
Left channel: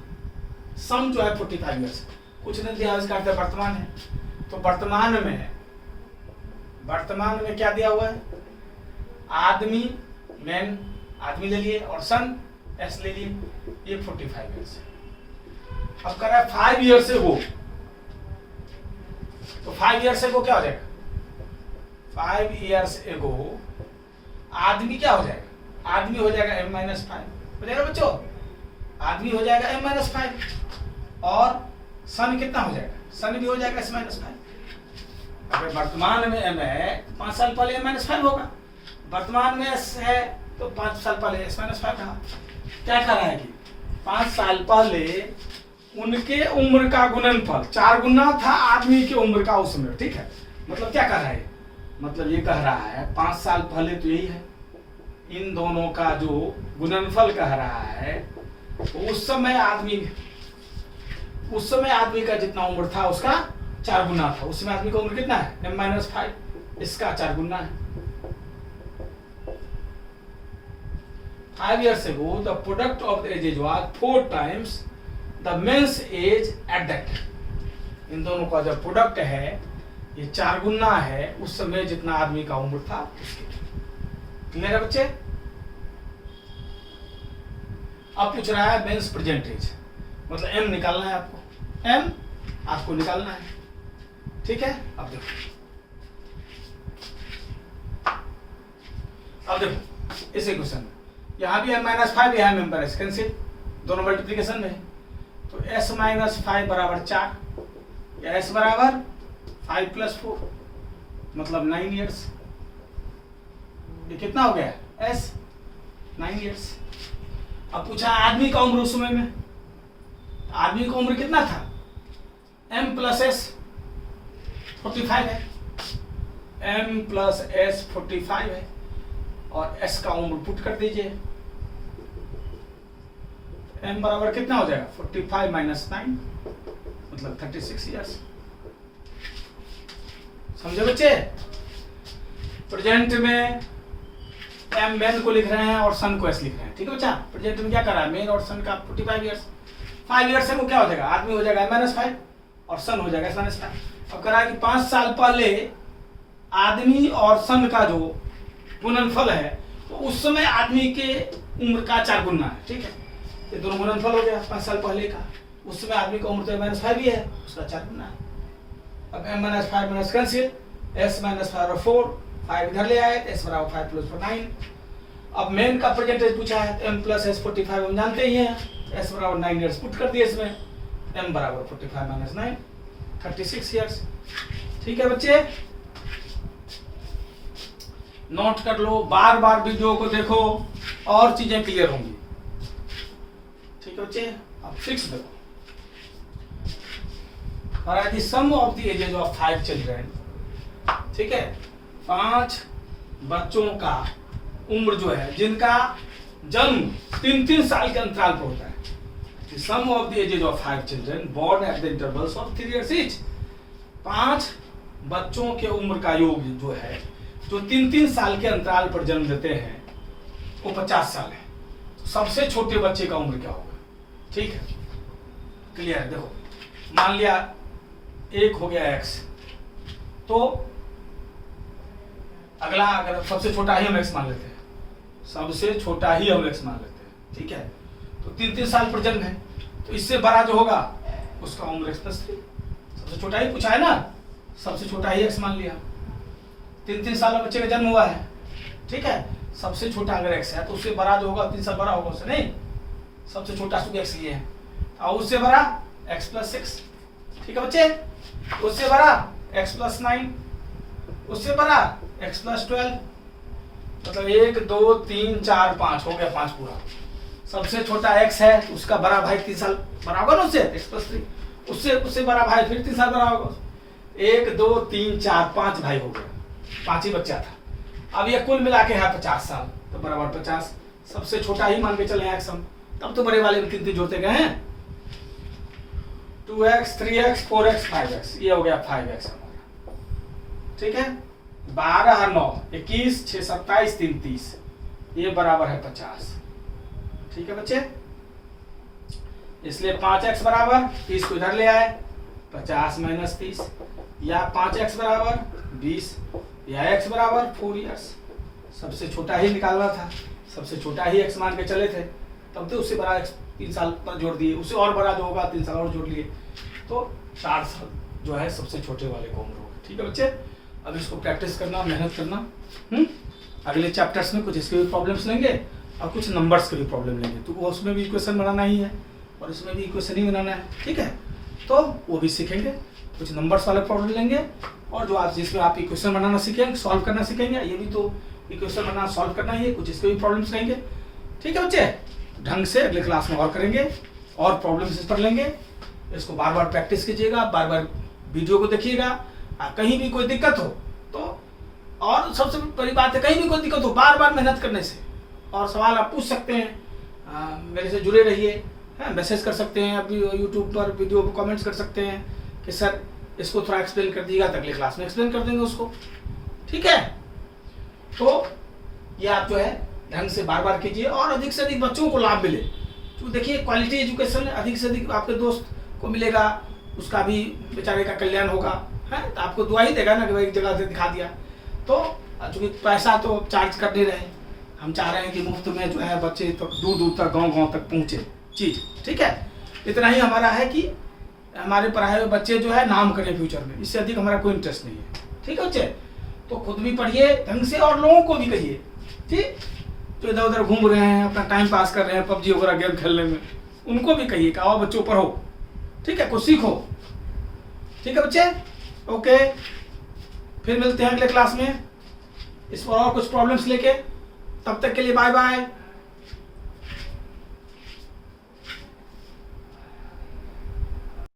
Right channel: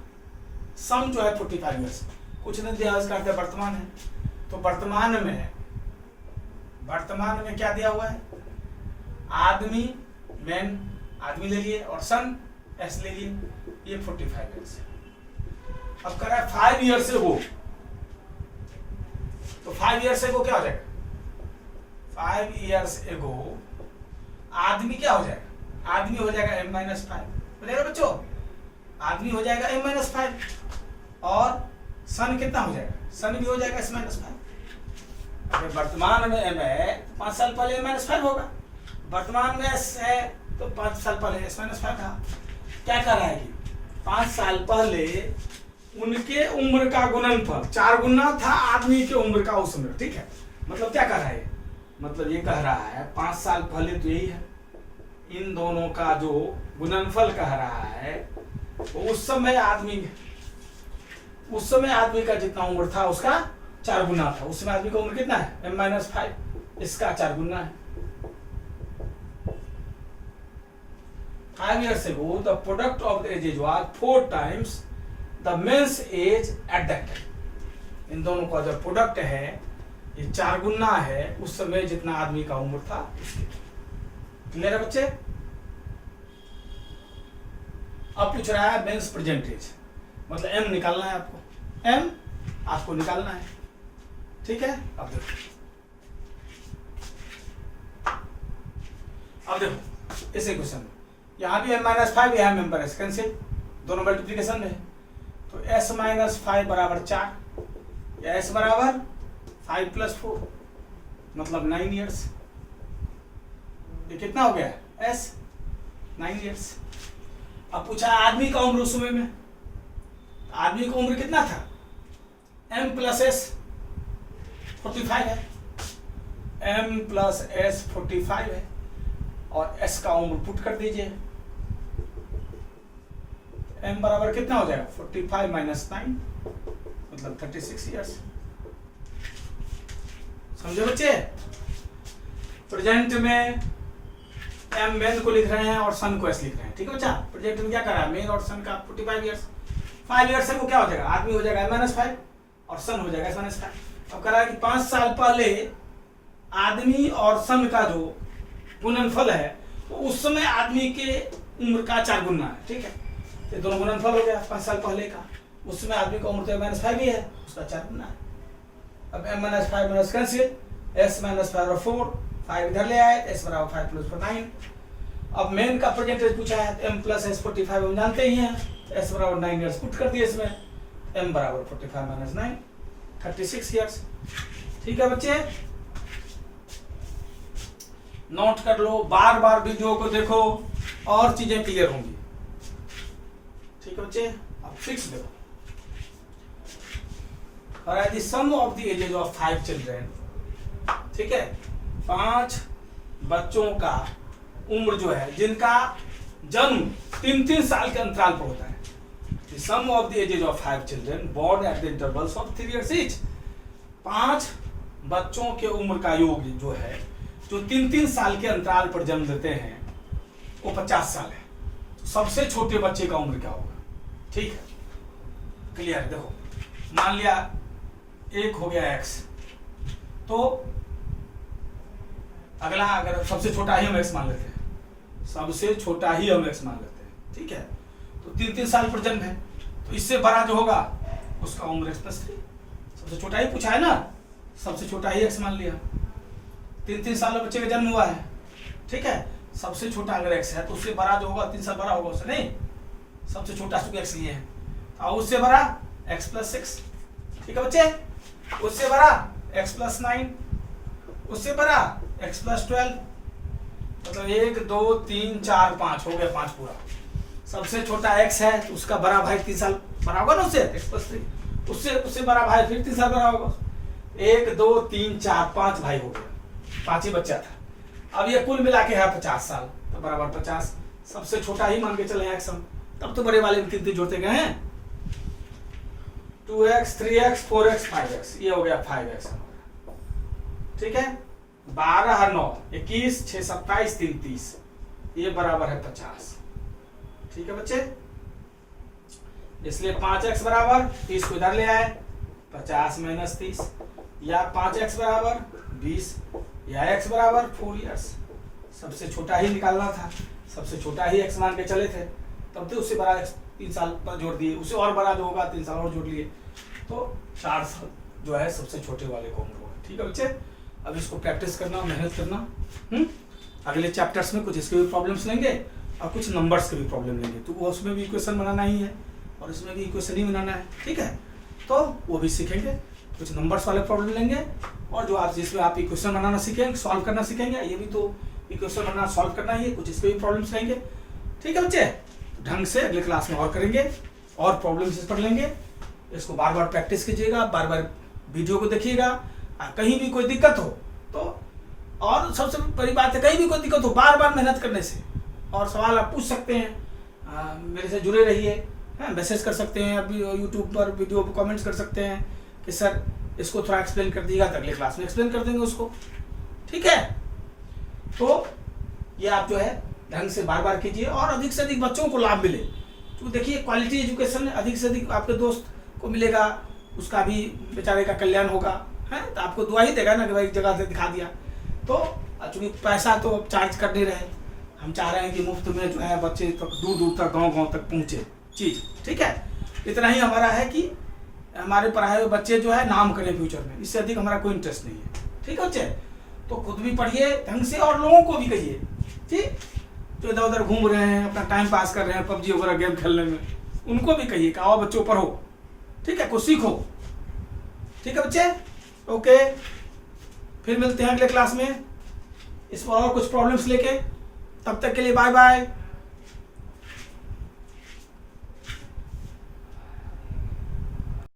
सम जो है 45 ईयर्स, कुछ नहीं दिया, इसका अर्थ वर्तमान है। तो वर्तमान में क्या दिया हुआ है, आदमी, मैन आदमी ले लिए और सन एस ले लिए, ये 45 ईयर्स है। अब कह रहा है 5 ईयर से वो, तो 5 ईयर से वो क्या हो जाएगा, 5 ईयर्स एगो आदमी क्या हो जाएगा, आदमी हो जाएगा m-5 हो जाएगा बच्चों, आदमी हो जाएगा m-5, और सन कितना हो जाएगा, सन भी हो जाएगा s-5। अगर वर्तमान में m है, 5 साल पहले m-5 होगा, वर्तमान में s है तो 5 साल पहले s-5 था। क्या कर रहा है कि 5 साल पहले उनके उम्र का गुणनफल 4 गुना था आदमी के उम्र का उस उम्र, ठीक है। मतलब क्या कर रहा है, मतलब ये कह रहा है 5 साल पहले तो यही है, इन दोनों का जो गुणनफल कह रहा है, तो उस समय आदमी का जितना उम्र था उसका 4 गुना था। उस समय आदमी का उम्र कितना है, m-5, इसका 4 गुना है। 5 years ago the product of the ages was 4 times the men's age at that time। इन दोनों का जो प्रोडक्ट है ये 4 गुना है उस समय जितना आदमी का उम्र था उसके। क्लियर है बच्चे। अब पूछ रहा है मेंस प्रेजेंट एज, मतलब एम निकालना है आपको, एम आपको निकालना है, ठीक है। अब देखो इसी क्वेश्चन में यहाँ भी m-5, यहाँ m पर कैंसिल, दोनों मल्टीप्लीकेशन में, तो s-5 बराबर 4, या s बराबर 5 + 4 मतलब 9 ईयर्स। ये कितना हो गया s 9 ईयर्स। अब पूछा आदमी का उम्र उस समय में, आदमी का उम्र कितना था, m + s 45 है, m + s 45 है, और s का उम्र पुट कर दीजिए, m बराबर कितना हो जाएगा 45 - 9 मतलब 36 ईयर्स। समझे बच्चे। प्रेजेंट में m मेन को लिख रहे हैं और सन को s लिख रहे हैं, ठीक है बच्चा। प्रेजेंट में क्या कर रहा है, मेन और सन का 45 ईयर्स। 5 ईयर्स से वो क्या हो जाएगा, आदमी हो जाएगा m-5 और सन हो जाएगा s-5। अब कह रहा है कि 5 साल पहले आदमी और सन का जो गुणनफल है तो उस समय आदमी के उम्र का 4 गुना है, ठीक है। ये दोनों गुणनफल हो गया 5 साल पहले का, उस समय आदमी का उम्र तो m-5 ही है, उसका 4 गुना है। अब m-5 माइनस कैंसिल, s-5 और 4, 5 इधर ले आए, s बराबर 5 + 4 9। अब मेन का परसेंटेज पूछा है, m + s 45 हम जानते ही हैं, s बराबर 9 ईयर्स पुट कर दिए इसमें, m बराबर 45 - 9 36 ईयर्स। ठीक है बच्चे, नोट कर लो, बार बार वीडियो को देखो और चीजें क्लियर होंगी। ठीक है बच्चे। अब 6 देखो, the sum of the ages of 5 children, ठीक है, 5 बच्चों का उम्र जो है जिनका जन्म 3-3 साल के अंतराल पर होता है। The sum of the ages of 5 children born at the intervals of 3 years each. 5 बच्चों के उम्र का योग जो है, जो 3-3 साल के अंतराल पर जन्म लेते हैं, वो 50 साल है। सबसे छोटे बच्चे का उम्र क्या होगा, ठीक है, क्लियर है। देखो मान लिया एक हो गया x, तो अगला अगर सबसे छोटा ही हम x मान लेते हैं, सबसे छोटा ही हम x मान लेते हैं, ठीक है, तो 3-3 साल पर जन्म है, तो इससे बड़ा जो होगा उसका उम्र x+3। सबसे छोटा ही पूछा है ना, सबसे छोटा ही x मान लिया। 3-3 साल में बच्चे का जन्म हुआ है, ठीक है, सबसे छोटा अगर x है तो उससे बड़ा जो होगा 3 साल बड़ा होगा उससे, नहीं सबसे छोटा x लिए है, और उससे बड़ा x+6, ठीक है बच्चे, उससे बड़ा x+9, उससे बड़ा x+12, मतलब 1 2 3 4 5 हो गया, 5 पूरा। सबसे छोटा x है तो उसका बड़ा भाई 3 साल बड़ा होगा ना उससे, x+3, उससे बड़ा भाई फिर 3 साल बड़ा होगा। 1 2 3 4 5 भाई हो गया, 5 ही बच्चा था। अब ये कुल मिला के है 50 साल, तो बराबर 50, सबसे छोटा ही मान के चले x हम, तब तो बड़े वाले में 3 जोड़ते गए हैं। 2x 3x 4x 5x, ये हो गया 5x हमारा, ठीक है। 12 और 9 21, 6 27 3 30, ये बराबर है 50, ठीक है बच्चे। इसलिए 5x बराबर 30 को इधर ले आए, 50 - 30, या 5x बराबर 20, या x बराबर 4 इयर्स। सबसे छोटा ही निकालना था, सबसे छोटा ही x मान के चले थे, तब तो उससे बड़ा x 3 साल पर जोड़ दिए, उससे और बड़ा जो होगा 3 साल और जोड़ लिए, तो 4 साल जो है सबसे छोटे वाले को उम्र होगा, ठीक है बच्चे। अब इसको प्रैक्टिस करना, मेहनत करना। अगले चैप्टर्स में कुछ इसके भी प्रॉब्लम्स लेंगे और कुछ नंबर्स के भी प्रॉब्लम लेंगे, तो वो उसमें भी इक्वेशन बनाना ही है और इसमें भी इक्वेशन ही बनाना है, ठीक है। तो वो भी सीखेंगे, कुछ नंबर्स वाले प्रॉब्लम लेंगे, और जो आप जिसमें आप इक्वेशन बनाना सीखेंगे, सॉल्व करना सीखेंगे, ये भी तो इक्वेशन बनाना सॉल्व करना ही है, कुछ इसके भी प्रॉब्लम्स लेंगे, ठीक है बच्चे। ढंग से अगले क्लास में और करेंगे और प्रॉब्लम्स इस पर लेंगे। इसको बार बार प्रैक्टिस कीजिएगा, बार बार वीडियो को देखिएगा। कहीं भी कोई दिक्कत हो तो, और सबसे बड़ी बात है, कहीं भी कोई दिक्कत हो बार बार मेहनत करने से, और सवाल आप पूछ सकते हैं, मेरे से जुड़े रहिए, मैसेज कर सकते हैं, अभी यूट्यूब पर वीडियो पर कमेंट्स कर सकते हैं कि सर इसको थोड़ा एक्सप्लेन कर दीजिएगा, तो अगले क्लास में एक्सप्लेन कर देंगे उसको, ठीक है। तो ये आप जो है ढंग से बार बार कीजिए और अधिक से अधिक बच्चों को लाभ मिले। तो देखिए क्वालिटी एजुकेशन अधिक से अधिक आपके दोस्त को मिलेगा, उसका भी बेचारे का कल्याण होगा, है तो आपको दुआ ही देगा ना कि भाई एक जगह से दिखा दिया। तो चूँकि पैसा तो चार्ज कर नहीं रहे, हम चाह रहे हैं कि मुफ्त में जो है बच्चे तक दूर दूर तक गांव तक पहुँचे चीज़, ठीक है। इतना ही हमारा है कि हमारे पढ़ाए हुए बच्चे जो है नाम करें फ्यूचर में, इससे अधिक हमारा कोई इंटरेस्ट नहीं है, ठीक है बच्चे। तो खुद भी पढ़िए ढंग से और लोगों को भी कहिए, ठीक, जो इधर उधर घूम रहे हैं, अपना टाइम पास कर रहे हैं पबजी वगैरह गेम खेलने में, उनको भी कहिए कि आओ बच्चों पढ़ो, ठीक है, कुछ सीखो, ठीक है बच्चे। ओके, फिर मिलते हैं अगले क्लास में इस पर और कुछ प्रॉब्लम्स लेके, तब तक के लिए बाय बाय।